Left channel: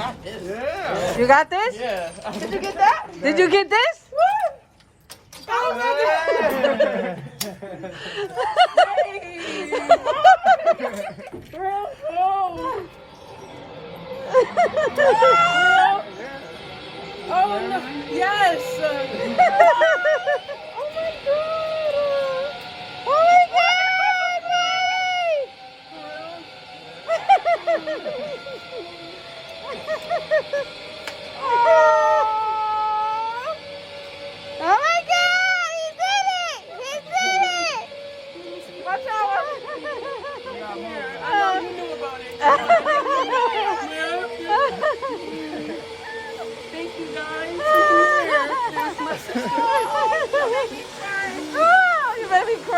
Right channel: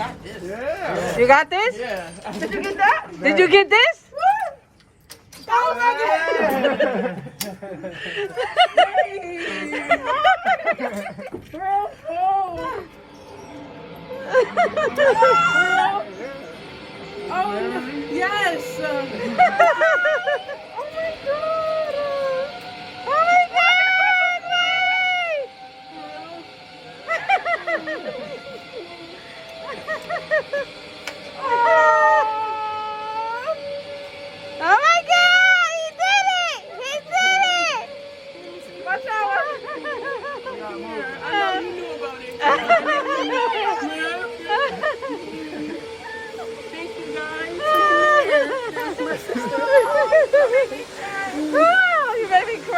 got this. Yeah. You got this? Yeah. Did you get that? Did you get this? Oh, no. Yes. Oh my God! Oh my God! He did it! He did it! Watch out. I know you knew about it. Thank you, guys. There's my sister. Oh